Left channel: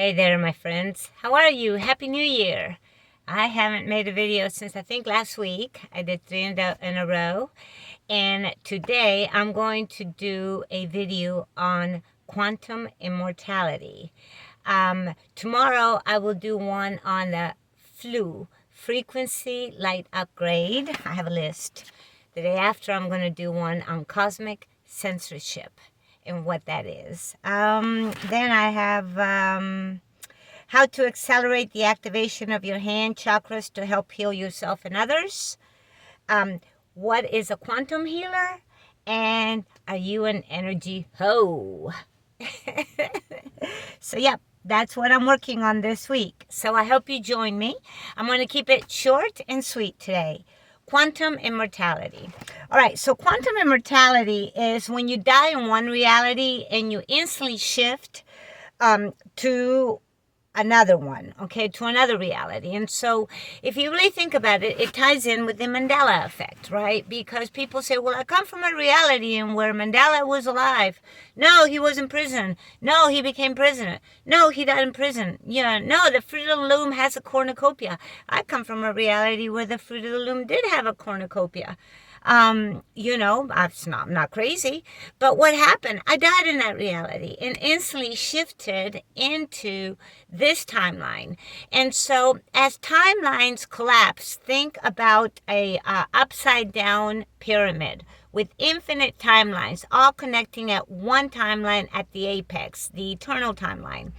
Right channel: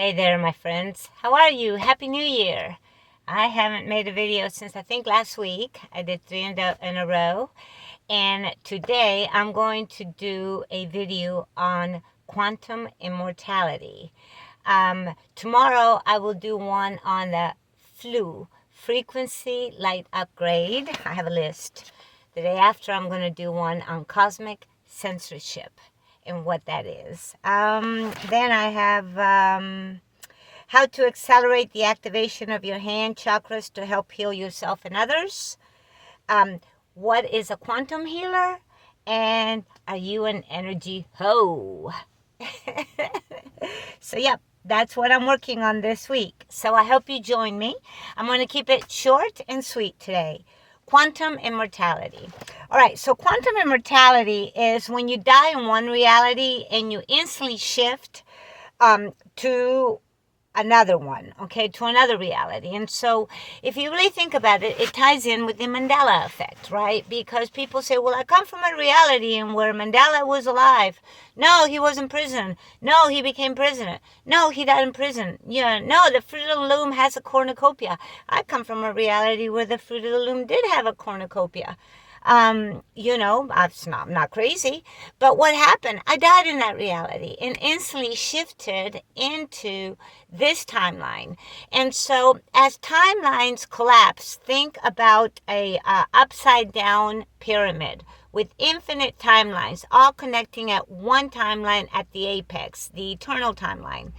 Hey there, my friends. How are you? Happy New Year. I haven't made a video since I think last week. I did 3 in a row. And today I'm going to do a video on quantum immortality. Tomorrow I will do one on the FLU, frequency light upgrade. I have a list. The day after I'm going to do one on cosmic censorship and what that is. Then I have how to accelerate the activation of your hand chakras to help heal yourself and others. What is a quantum healer? And are you an energy hoe? So, yep, that's what I'm working on this week. So I hope you join me. I'm going to keep it short and sweet today. Quantum immortality. All right, so quantum immortality is when you die in one reality and you instantly shift to another one, okay, to another reality. And so if you really think about it, it ties in with the Mandela effect, right? Because people say, well, I come from a reality in where Mandela was alive. No, he was in prison. No, he became president. No, he died in prison. Yeah, no, the Fruit of the Loom has a cornucopia. I come from a reality where the Fruit of the Loom did have a cornucopia. I'm not crazy. But what happened? I died in that reality and instantly shifted into this timeline. And so as timelines collapse, think about a upside down pyramid with infinite timelines, all connecting at one timeline at the apex, the eternal timeline.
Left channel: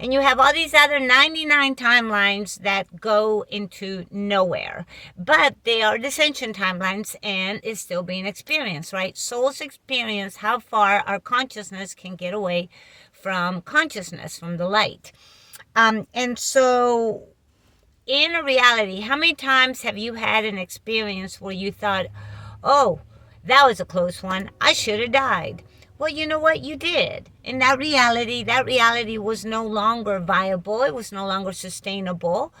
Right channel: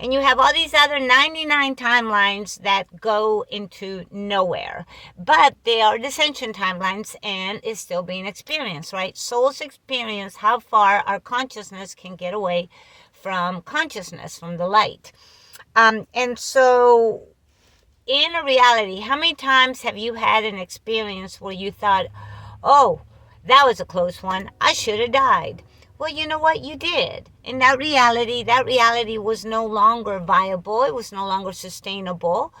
And you have all these other 99 timelines that go into nowhere. But they are ascension timelines and is still being experienced, right? Souls experience how far our consciousness can get away from consciousness, from the light. And so in a reality, how many times have you had an experience where you thought, oh, that was a close one. I should have died. Well, you know what? You did. In that reality was no longer viable. It was no longer sustainable.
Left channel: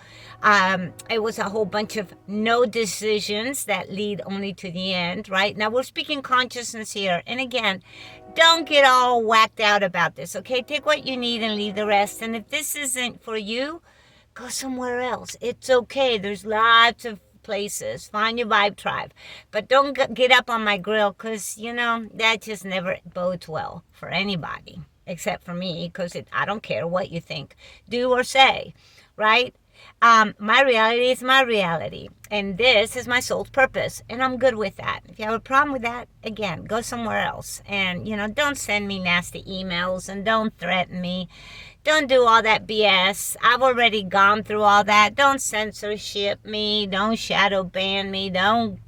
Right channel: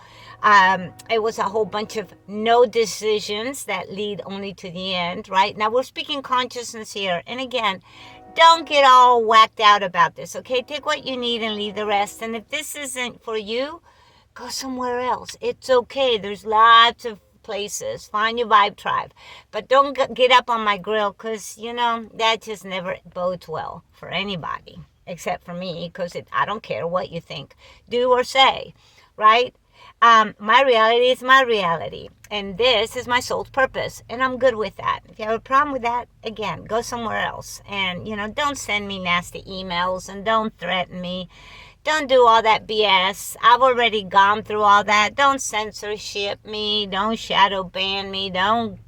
It was a whole bunch of no decisions that lead only to the end, right? Now, we're speaking consciousness here. And again, don't get all whacked out about this, okay? Take what you need and leave the rest. And if this isn't for you, go somewhere else. It's okay. There's lots of places. Find your vibe tribe. But don't get up on my grill because, that just never bodes well for anybody except for me because I don't care what you think, do or say, right? My reality is my reality. And this is my soul's purpose. And I'm good with that. If you have a problem with that, again, go somewhere else. And, don't send me nasty emails and don't threaten me. Don't do all that BS. I've already gone through all that. Don't censorship me. Don't shadow ban me. Don't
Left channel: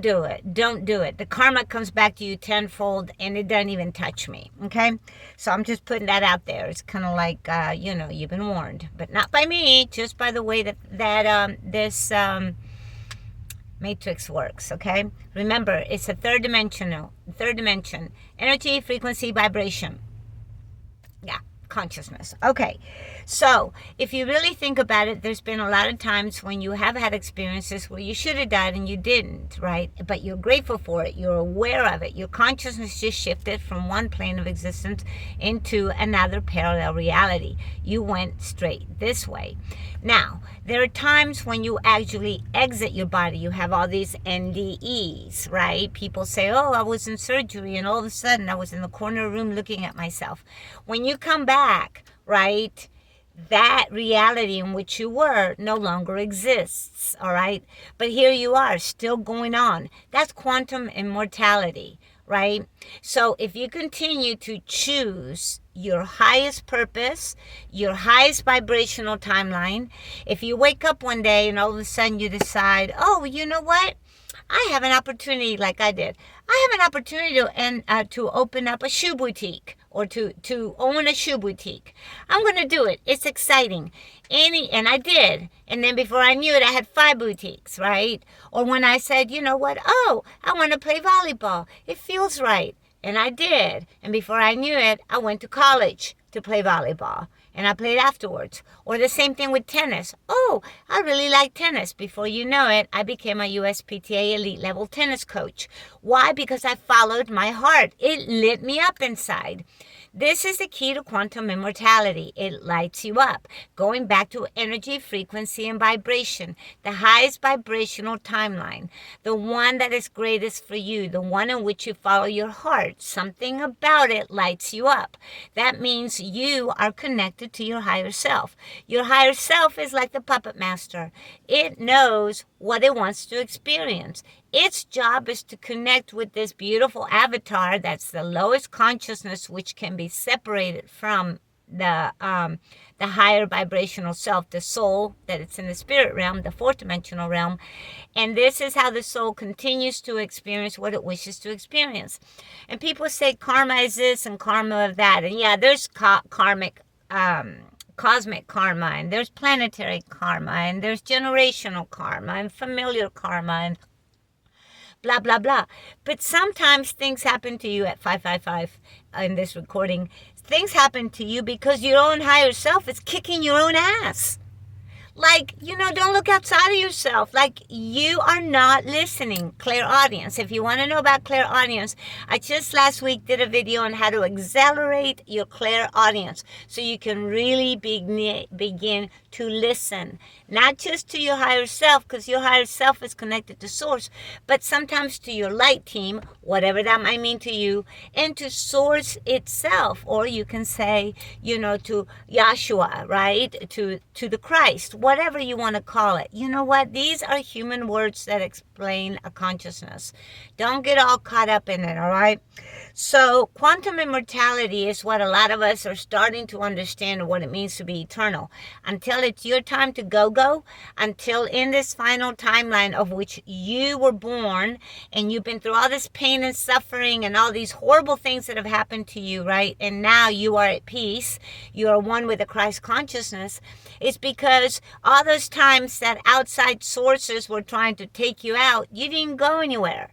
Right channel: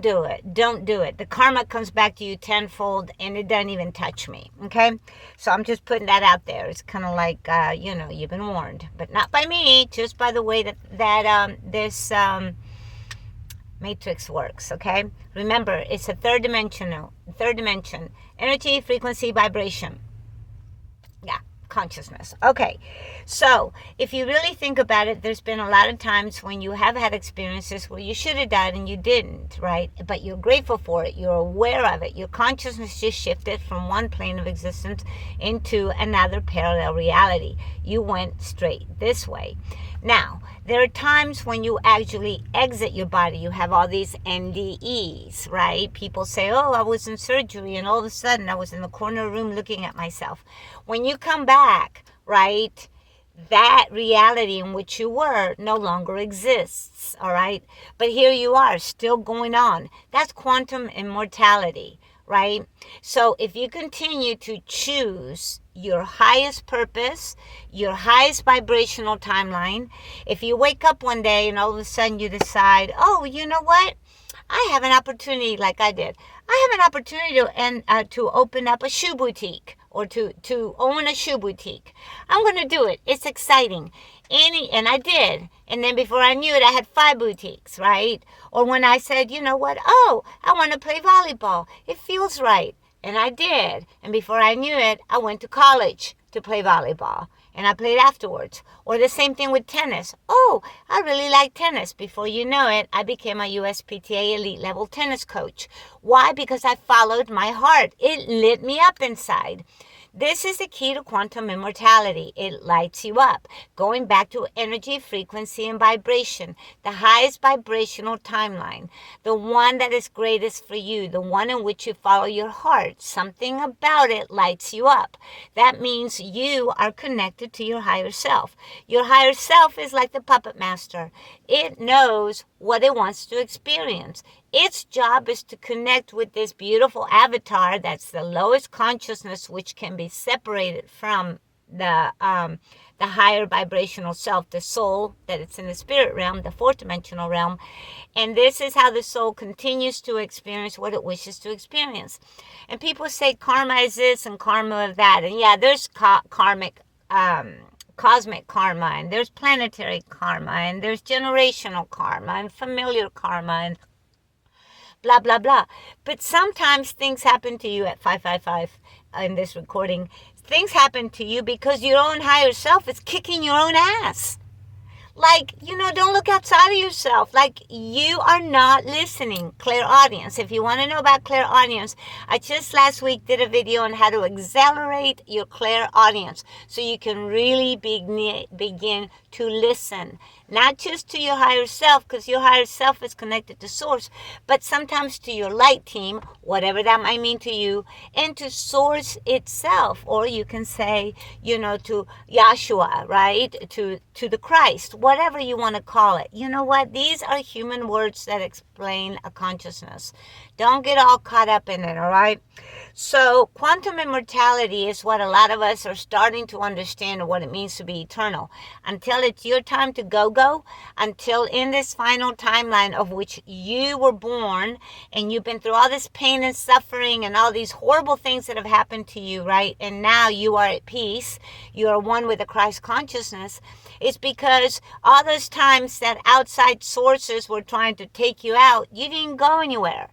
do it. Don't do it. The karma comes back to you tenfold and it doesn't even touch me. Okay? So I'm just putting that out there. It's kind of like, you've been warned. But not by me, just by the way that this matrix works, okay? Remember, it's a third dimension. Energy, frequency, vibration. Yeah. Consciousness. Okay, so if you really think about it, there's been a lot of times when you have had experiences where you should have died and you didn't, right? But you're grateful for it. You're aware of it. Your consciousness just shifted from one plane of existence into another parallel reality. You went straight this way. Now, there are times when you actually exit your body. You have all these NDEs, right? People say, oh, I was in surgery and all of a sudden I was in the corner room looking at myself. When you come back, right, that reality in which you were no longer exists, all right? But here you are, still going on. That's quantum immortality, right? So if you continue to choose your highest purpose, your highest vibrational timeline, if you wake up one day and all of a sudden you decide, oh, you know what? I have an opportunity like I did. I have an opportunity to open up a shoe boutique or to own a shoe boutique. I'm going to do it. It's exciting. And I did. And then before I knew it, I had 5 boutiques, right? Or when I said, you know what? Oh, I want to play volleyball. It feels right. And I did. And before I knew it, I went to college to play volleyball. And I played afterwards. Or the same thing with tennis. Oh, I really like tennis. Before you know it, I became a USPTA elite level tennis coach. Why? Because I followed my heart. It lit me up inside. This is the key to quantum immortality. It lights you up. Going back to energy, frequency, and vibration, the highest vibrational timeline, the one that is greatest for you, the one in which you follow your heart. Something about it lights you up. That means you are connected to your higher self. Your higher self is like the puppet master. It knows what it wants to experience. Its job is to connect with this beautiful avatar that's the lowest consciousness, which can be separated from the higher vibrational self, the soul, that it's in the spirit realm, the fourth dimensional realm. And this is how the soul continues to experience what it wishes to experience. And people say karma is this and karma of that. And yeah, there's karmic cosmic karma, and there's planetary karma, and there's generational karma, and familiar karma, and blah, blah, blah. But sometimes things happen to you at 555 in this recording. Things happen to you because your own higher self is kicking your own ass. Like, don't look outside of yourself. Like, you are not listening. Clairaudience. If you want to know about clairaudience, I just last week did a video on how to accelerate your clairaudience so you can really begin to listen. Not just to your higher self, because your higher self is connected to source, but sometimes to your light team, whatever that might mean to you, and to source itself. Or you can say, to Yahshua, right? To the Christ, whatever you want to call it. You know what? These are human words that explain a consciousness. Don't get all caught up in it, all right? So quantum immortality is what a lot of us are starting to understand what it means to be eternal. Until it's your time to go, until in this final timeline of which you were born and you've been through all this pain and suffering and all these horrible things that have happened to you, right? And now you are at peace. You are one with the Christ consciousness. It's because all those times that outside sources were trying to take you out, you didn't go anywhere.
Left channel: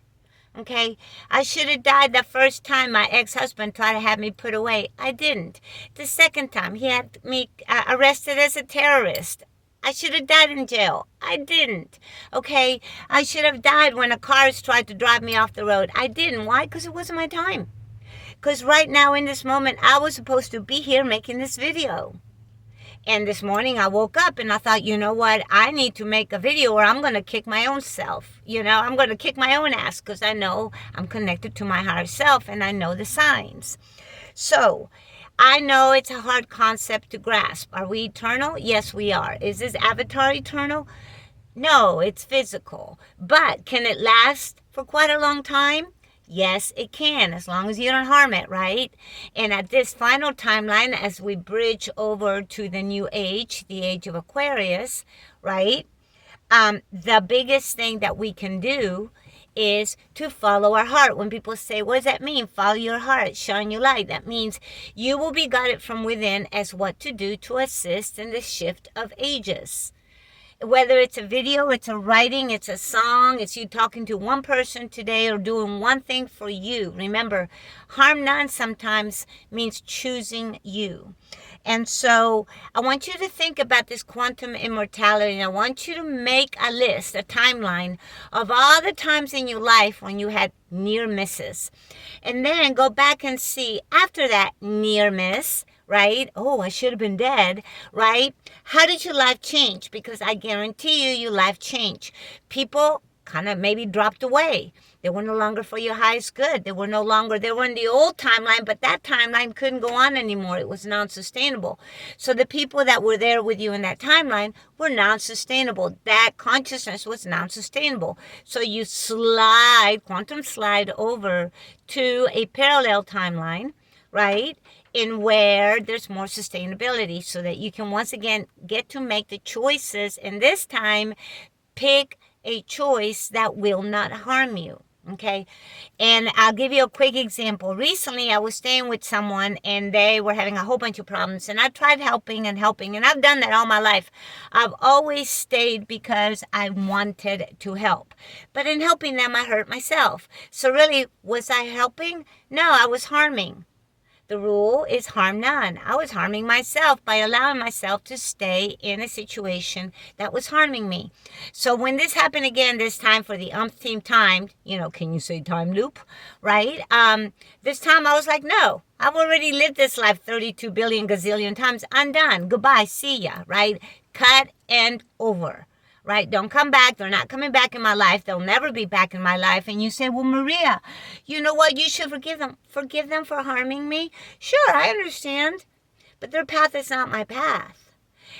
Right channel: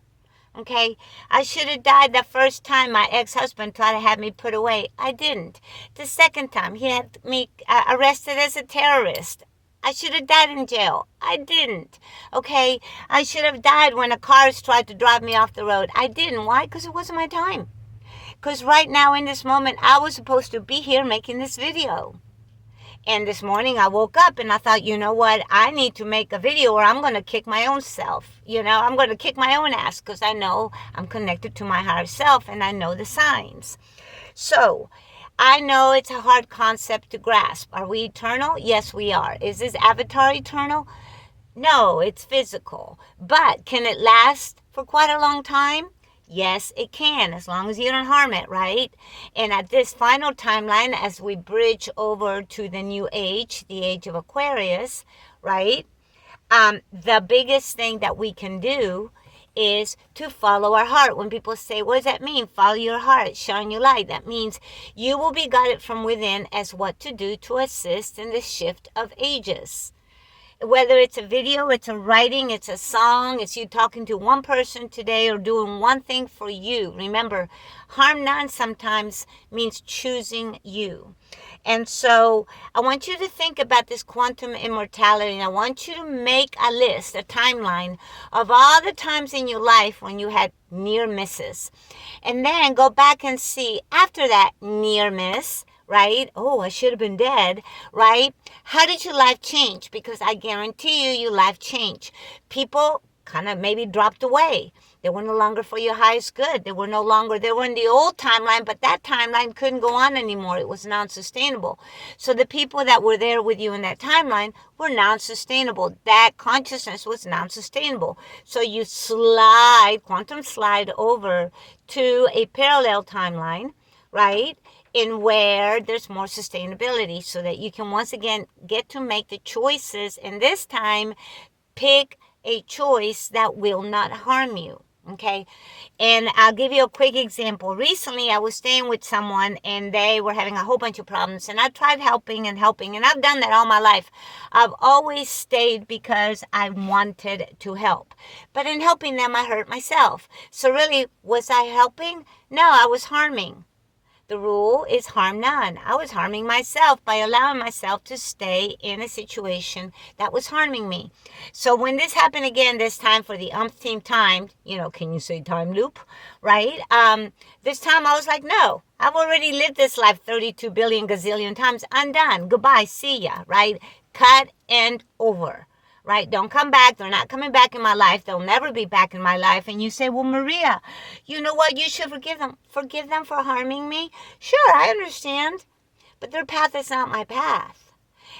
Okay, I should have died the first time my ex-husband tried to have me put away. I didn't. The second time, he had me arrested as a terrorist. I should have died in jail. I didn't. Okay, I should have died when a car tried to drive me off the road. I didn't. Why? Because it wasn't my time. Because right now in this moment, I was supposed to be here making this video. And this morning I woke up and I thought, you know what? I need to make a video or I'm going to kick my own self. I'm going to kick my own ass because I know I'm connected to my higher self and I know the signs. So I know it's a hard concept to grasp. Are we eternal? Yes, we are. Is this avatar eternal? No, it's physical. But can it last for quite a long time? Yes, it can, as long as you don't harm it, right? And at this final timeline, as we bridge over to the new age, the age of Aquarius, right? The biggest thing that we can do is to follow our heart. When people say, what does that mean? Follow your heart, shine your light. That means you will be guided from within as what to do to assist in the shift of ages. Whether it's a video, it's a writing, it's a song, it's you talking to one person today or doing one thing for you. Remember, harm none sometimes means choosing you. And so I want you to think about this quantum immortality, and I want you to make a list, a timeline of all the times in your life when you had near misses. And then go back and see after that near miss, right? Oh, I should have been dead, right? How did your life change? Because I guarantee you, your life changed. People kind of maybe dropped away. They were no longer for your highest good. They were in the old timeline, but that timeline couldn't go on anymore. It was non-sustainable. So the people that were there with you in that timeline were non-sustainable. That consciousness was non-sustainable. So you quantum slide over to a parallel timeline, right? In where there's more sustainability so that you can once again get to make the choices, and this time pick a choice that will not harm you. Okay, and I'll give you a quick example. Recently, I was staying with someone and they were having a whole bunch of problems, and I tried helping, and I've done that all my life. I've always stayed because I wanted to help, but in helping them, I hurt myself. So really, was I helping? No, I was harming. The rule is harm none. I was harming myself by allowing myself to stay in a situation that was harming me. So when this happened again, this time for the umpteenth time, can you say time loop, right? This time I was like, no, I've already lived this life 32 billion gazillion times. I'm done. Goodbye. See ya, right? Cut and over. Right? Don't come back. They're not coming back in my life. They'll never be back in my life. And you say, well, Maria, you know what? You should forgive them. Forgive them for harming me? Sure, I understand. But their path is not my path.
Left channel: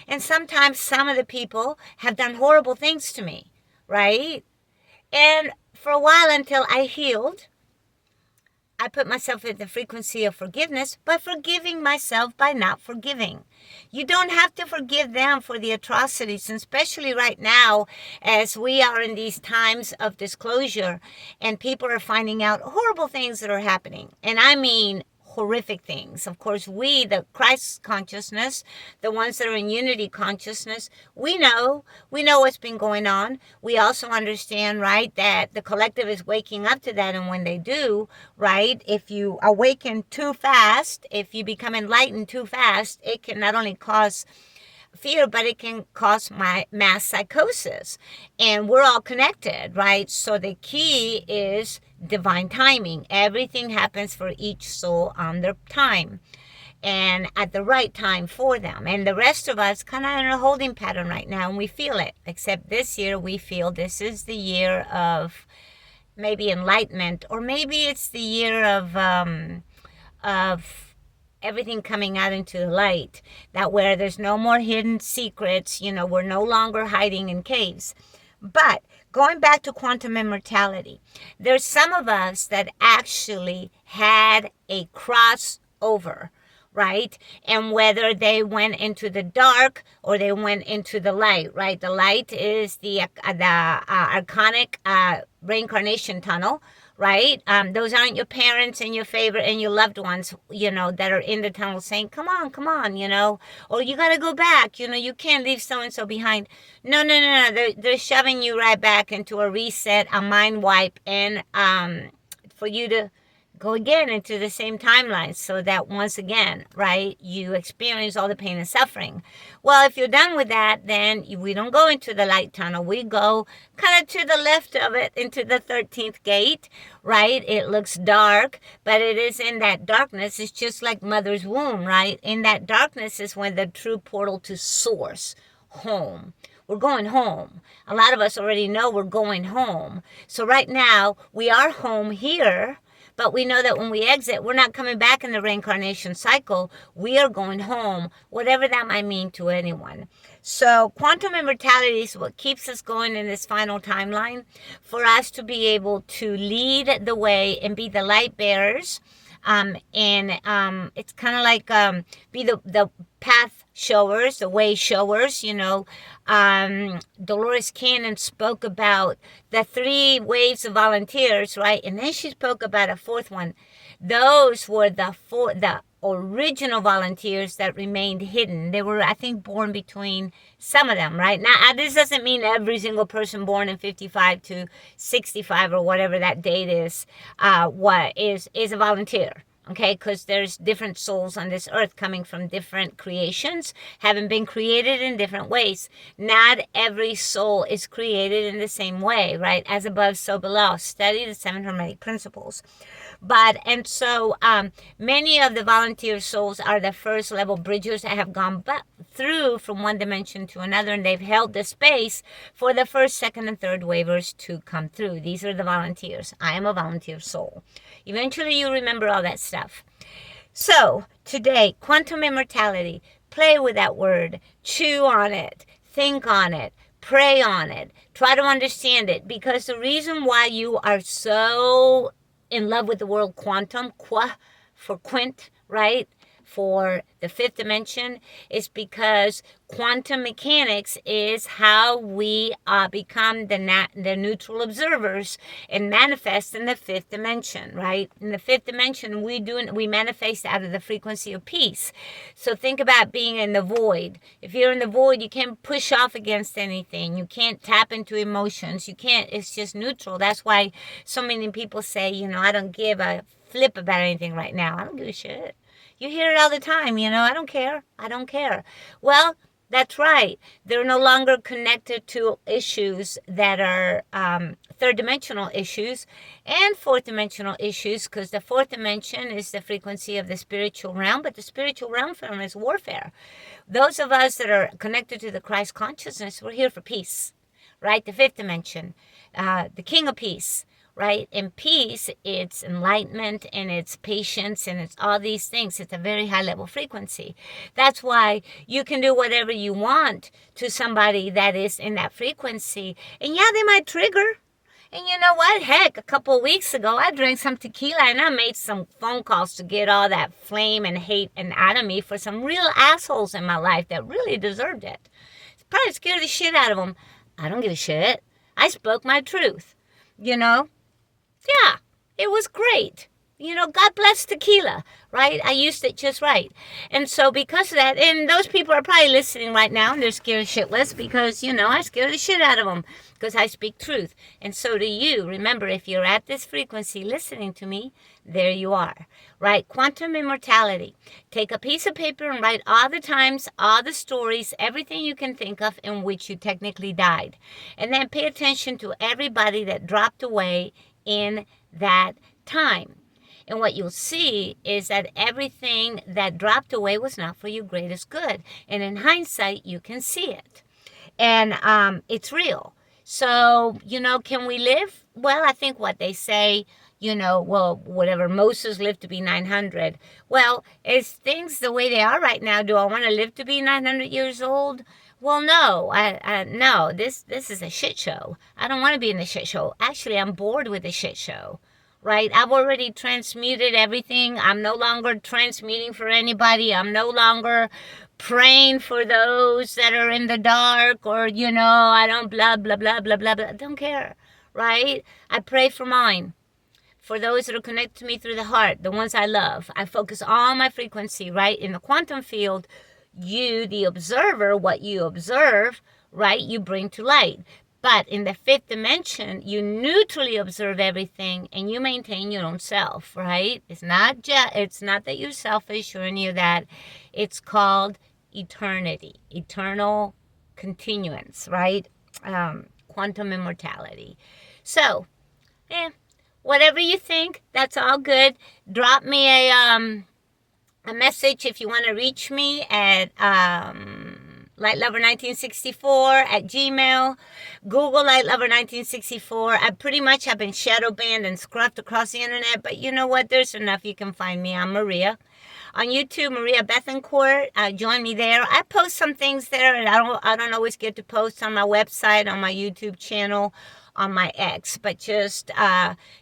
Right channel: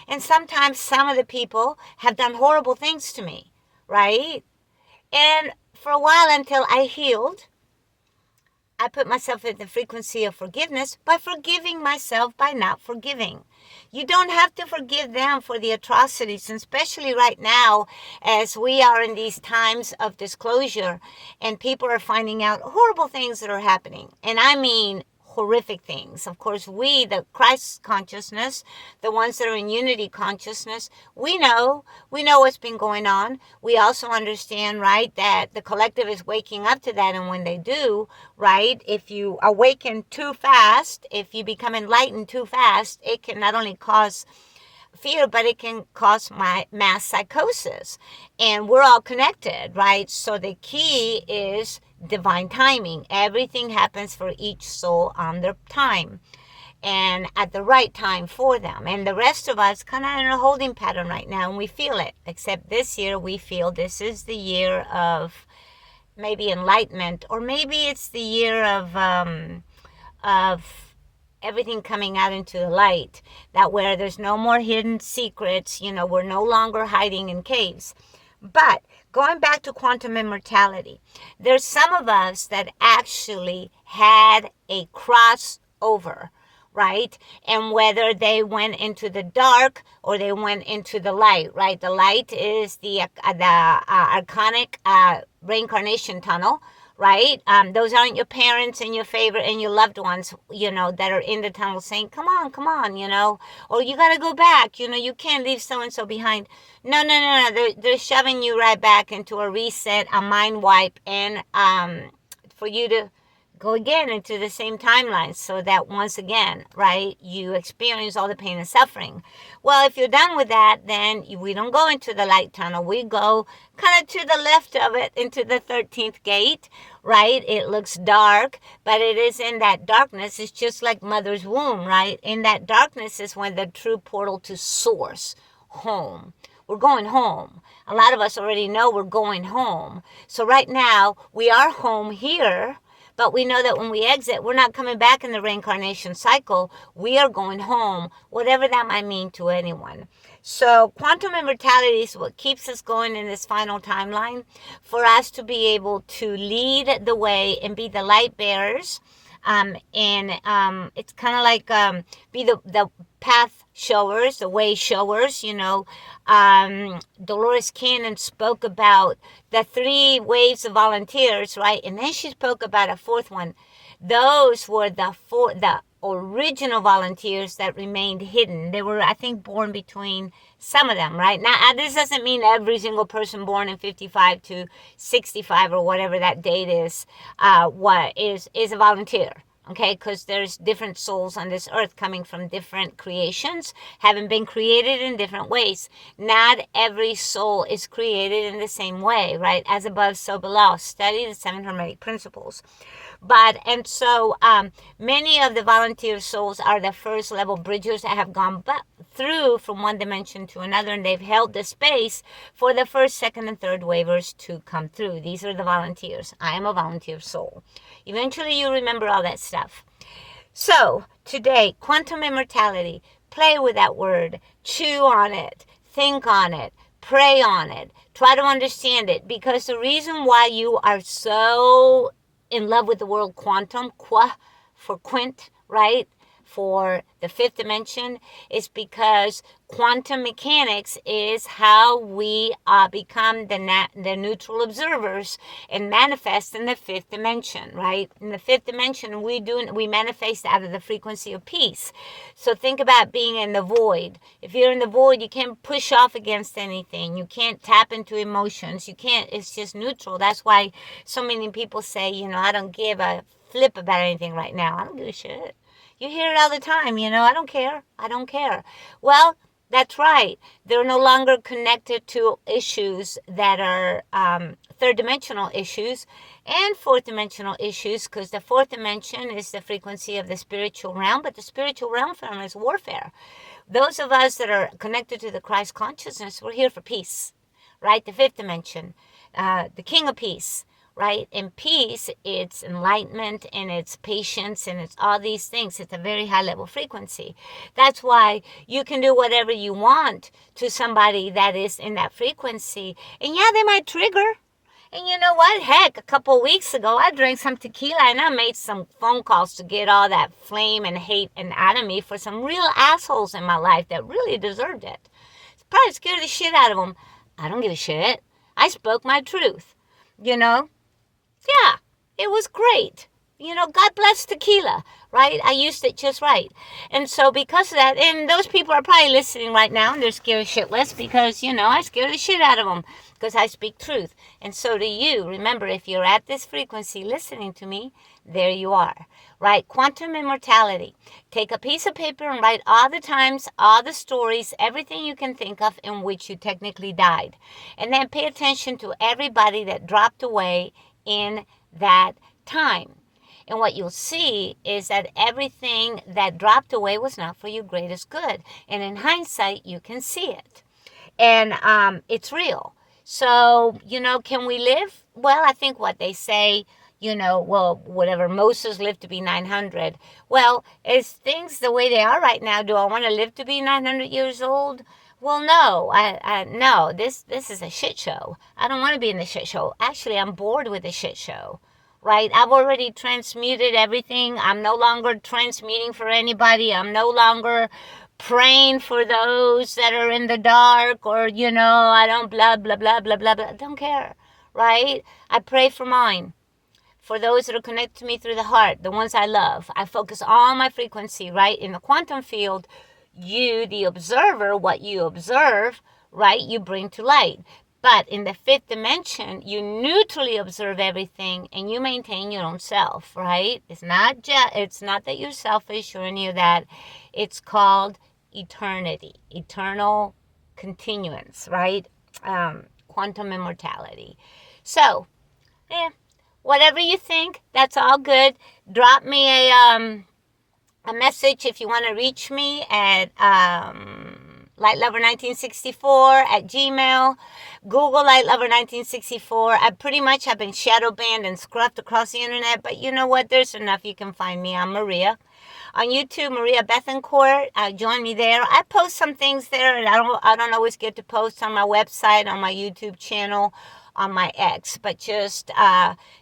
And sometimes some of the people have done horrible things to me, right? And for a while until I healed, I put myself in the frequency of forgiveness by forgiving myself by not forgiving. You don't have to forgive them for the atrocities, and especially right now as we are in these times of disclosure and people are finding out horrible things that are happening. And I mean horrific things. Of course, we, the Christ consciousness, the ones that are in unity consciousness, we know what's been going on. We also understand, right, that the collective is waking up to that. And when they do, right, if you awaken too fast, if you become enlightened too fast, it can not only cause fear, but it can cause mass psychosis. And we're all connected, right? So the key is divine timing. Everything happens for each soul on their time and at the right time for them. And the rest of us kind of in a holding pattern right now, and we feel it. Except this year, we feel this is the year of maybe enlightenment, or maybe it's the year of everything coming out into the light, that where there's no more hidden secrets, we're no longer hiding in caves. But going back to quantum immortality, there's some of us that actually had a crossover, right? And whether they went into the dark or they went into the light, right? The light is the archonic reincarnation tunnel, right? Those aren't your parents and your favorite and your loved ones, that are in the tunnel saying, come on, or you got to go back, you can't leave so-and-so behind. No. They're shoving you right back into a reset, a mind wipe, and for you to go again into the same timeline so that once again, right, you experience all the pain and suffering. Well, if you're done with that, then we don't go into the light tunnel. We go kind of to the left of it into the 13th gate, right? It looks dark, but it is in that darkness. It's just like mother's womb, right? In that darkness is when the true portal to source, home. We're going home. A lot of us already know we're going home. So right now, we are home here. But we know that when we exit, we're not coming back in the reincarnation cycle. We are going home, whatever that might mean to anyone. So quantum immortality is what keeps us going in this final timeline, for us to be able to lead the way and be the light bearers. It's kind of like be the path showers, the way showers, Dolores Cannon spoke about the 3 waves of volunteers, right? And then she spoke about a 4th one. Those were the original volunteers that remained hidden. They were, I think, born between some of them, right? Now, this doesn't mean every single person born in 55 to 65 or whatever that date is, is a volunteer. Okay, because there's different souls on this earth coming from different creations, having been created in different ways. Not every soul is created in the same way, right? As above, so below. Study the 7 Hermetic Principles. So many of the volunteer souls are the first level bridgers that have gone through from one dimension to another, and they've held the space for the first, second, and third wavers to come through. These are the volunteers. I am a volunteer soul. Eventually, you remember all that stuff. So today, quantum immortality. Play with that word. Chew on it. Think on it. Pray on it. Try to understand it, because the reason why you are so in love with the word quantum, for quint, right? For the 5th dimension, is because quantum mechanics is how we become the neutral observers and manifest in the 5th dimension, right? In the 5th dimension, we manifest out of the frequency of peace. So think about being in the void. If you're in the void, you can't push off against anything. You can't tap into emotions. You can't. It's just neutral. That's why so many people say, I don't give a flip about anything right now. I don't give a shit. You hear it all the time, I don't care. I don't care. Well, that's right. They're no longer connected to issues that are third dimensional issues and fourth dimensional issues, because the fourth dimension is the frequency of the spiritual realm, but the spiritual realm form is warfare. Those of us that are connected to the Christ consciousness, we're here for peace, right? The fifth dimension, the King of Peace. Right? In peace, it's enlightenment and it's patience and it's all these things. It's a very high level frequency. That's why you can do whatever you want to somebody that is in that frequency. And yeah, they might trigger. And you know what? Heck, a couple of weeks ago, I drank some tequila and I made some phone calls to get all that flame and hate and out of me for some real assholes in my life that really deserved it. Probably scared the shit out of them. I don't give a shit. I spoke my truth, Yeah, it was great. God bless tequila, right? I used it just right. And so because of that, and those people are probably listening right now and they're scared shitless because, I scare the shit out of them because I speak truth. And so do you. Remember, if you're at this frequency listening to me, there you are, right? Quantum immortality. Take a piece of paper and write all the times, all the stories, everything you can think of in which you technically died. And then pay attention to everybody that dropped away in that time. And what you'll see is that everything that dropped away was not for your greatest good. And in hindsight, you can see it. And it's real. So, can we live? Well, I think what they say, whatever, Moses lived to be 900. Well, is things the way they are right now, do I want to live to be 900 years old? Well, no, no, this is a shit show. I don't want to be in the shit show. Actually, I'm bored with the shit show, right? I've already transmuted everything. I'm no longer transmuting for anybody. I'm no longer praying for those that are in the dark or, I don't blah, blah, blah, blah, blah, blah. I don't care, right? I pray for mine. For those that are connected to me through the heart, the ones I love. I focus all my frequency, right? In the quantum field, you, the observer, what you observe, right, you bring to light. But in the fifth dimension, you neutrally observe everything and you maintain your own self, right? It's not that you're selfish or any of that. It's called eternity, eternal continuance, right? Quantum immortality. So, whatever you think, that's all good. Drop me a message if you want to reach me at lightlover1964 at Gmail. Google lightlover1964. I pretty much have been shadow banned and scruffed across the internet, but you know what? There's enough. You can find me. I'm Maria. On YouTube, Maria Bethencourt. Join me there. I post some things there, and I don't always get to post on my website, on my YouTube channel, on my X, but just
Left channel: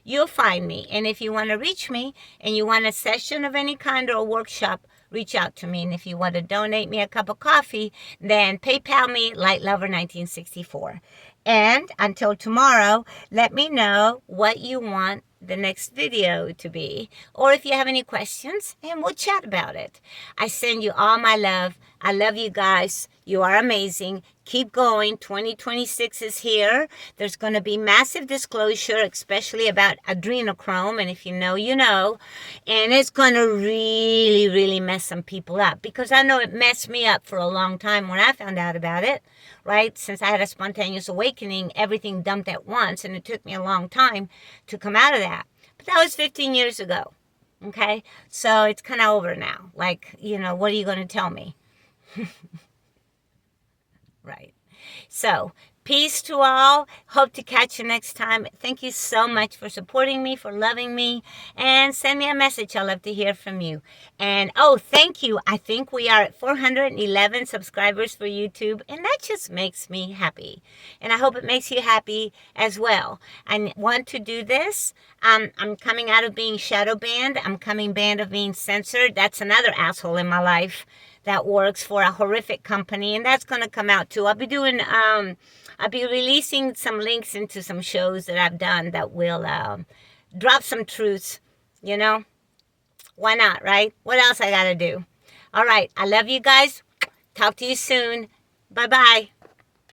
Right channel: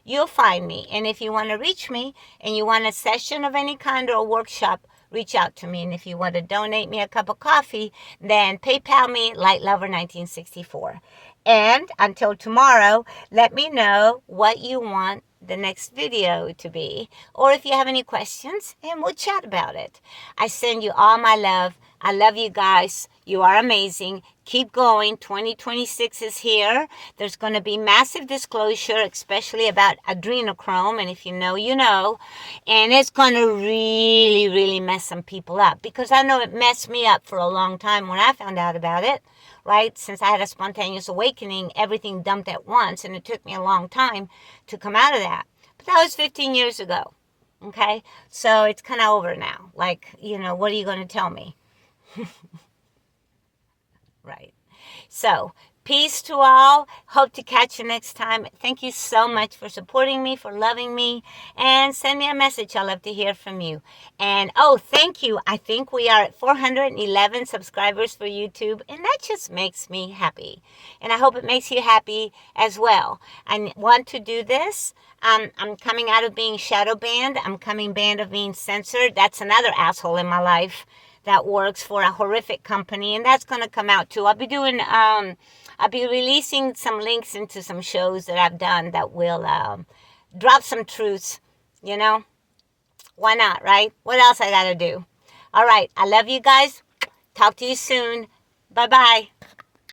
you'll find me. And if you want to reach me and you want a session of any kind or a workshop, reach out to me. And if you want to donate me a cup of coffee, then PayPal me, lightlover1964. And until tomorrow, let me know what you want the next video to be, or if you have any questions, and we'll chat about it. I send you all my love. I love you guys. You are amazing. Keep going. 2026 is here. There's going to be massive disclosure, especially about adrenochrome. And if you know, you know. And it's going to really, really mess some people up. Because I know it messed me up for a long time when I found out about it. Right? Since I had a spontaneous awakening, everything dumped at once. And it took me a long time to come out of that. But that was 15 years ago. Okay? So it's kind of over now. Like, what are you going to tell me? Right. So, peace to all. Hope to catch you next time. Thank you so much for supporting me, for loving me, and send me a message. I'd love to hear from you. And, thank you. I think we are at 411 subscribers for YouTube, and that just makes me happy. And I hope it makes you happy as well. I want to do this. I'm coming out of being shadow banned. I'm coming banned of being censored. That's another asshole in my life that works for a horrific company, and that's going to come out too. I'll be releasing some links into some shows that I've done that will drop some truths, Why not, right? What else I got to do? All right, I love you guys. Talk to you soon. Bye-bye.